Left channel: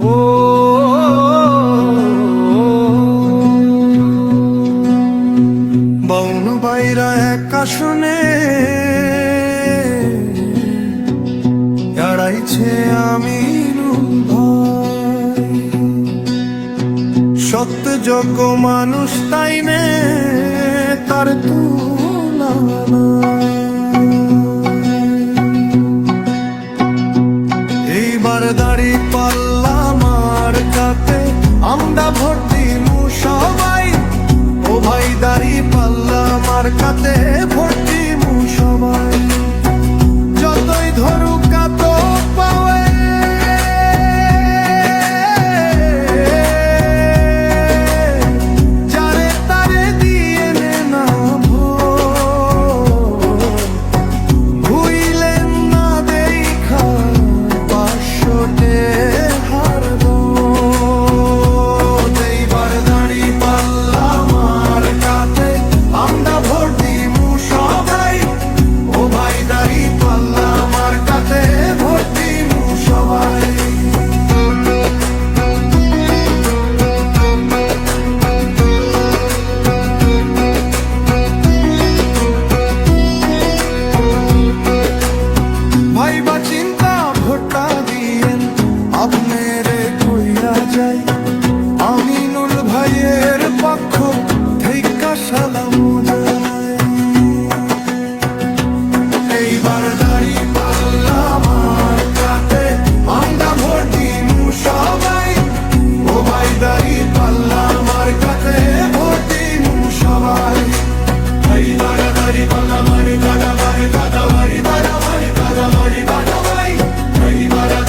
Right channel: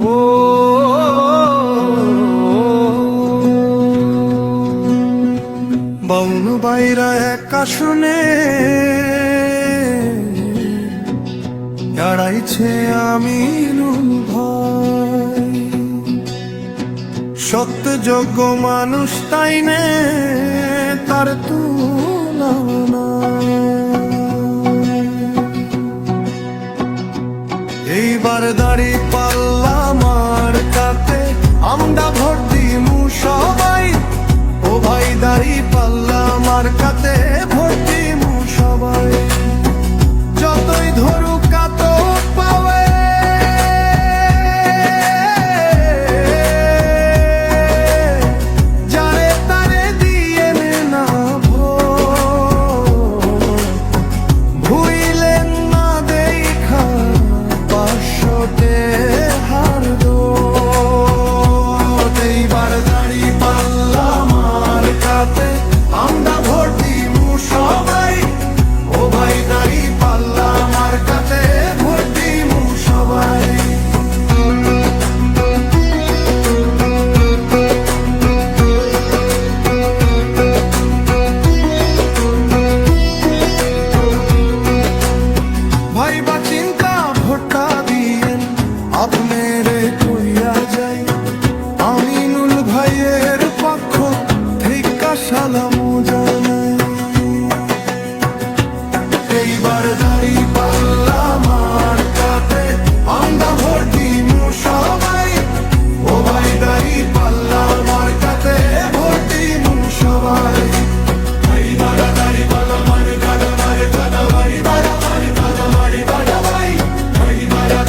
ও বাউনু বাইরা এক আসনে এড়াইছে আমিনুল ভাই, সত্যযোগ্য মানুষ তাই নে তার তুলনা। এইবার দাড়ি পাল্লা মার্কাতে আমরা ভোট দিমু সবাই। ও ভাই দাড়ি পাল্লা মার্কাতে ভোট দিমু সবাই। যতই ধরুক কাত পাওয়ে যারে তারে দিয়ে নে না ভুইলেন না দেখা 500 হার দো। এইবার দাড়ি পাল্লা মার্কাতে আমরা ভোট দিমু সবাই। ও ভাই দাড়ি পাল্লা মার্কাতে ভোট দিমু সবাই। ভাই বা চিন্তা ভোটটা দিয়েন আপনারে কইয়া যাই। আমিনুল ভাইয়ের পক্ষ থেকে সালামু জানাই। এইবার দাড়ি পাল্লা মার্কাতে আমরা ভোট দিমু সবাই। ও ভাই দাড়ি পাল্লা মার্কাতে ভোট দিমু সবাই। দাড়ি পাল্লা মারে কাটা মারে কাটা মারি বাড়া মারে কাটা মারি বাড়া ভাই।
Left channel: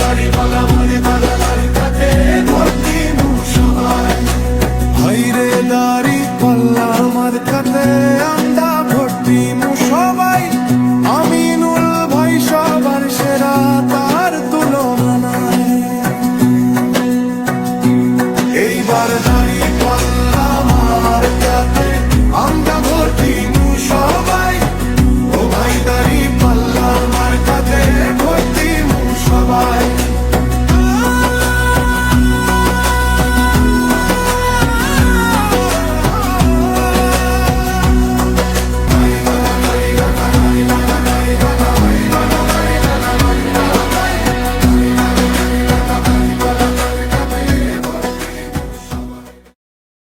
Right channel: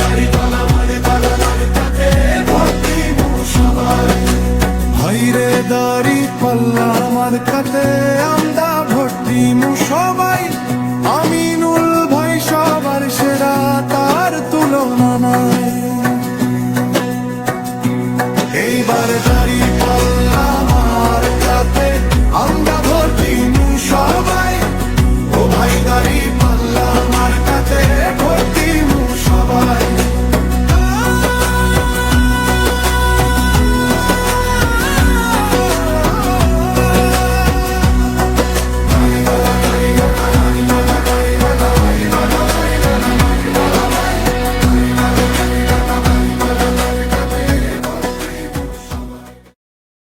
দাড়ি পাল্লা মারে কাটা মার্কাতে ভোট দিমু সবাই। ভাইরে দাড়ি পাল্লা মার্কাতে আমরা ভোট দিমু সবাই। আমিনুল ভাই সবার সেরা, তার তুলনা নাই। এইবার দাড়ি পাল্লা মার্কাতে আমরা ভোট দিমু সবাই। ও ভাই দাড়ি পাল্লা মার্কাতে ভোট দিমু সবাই।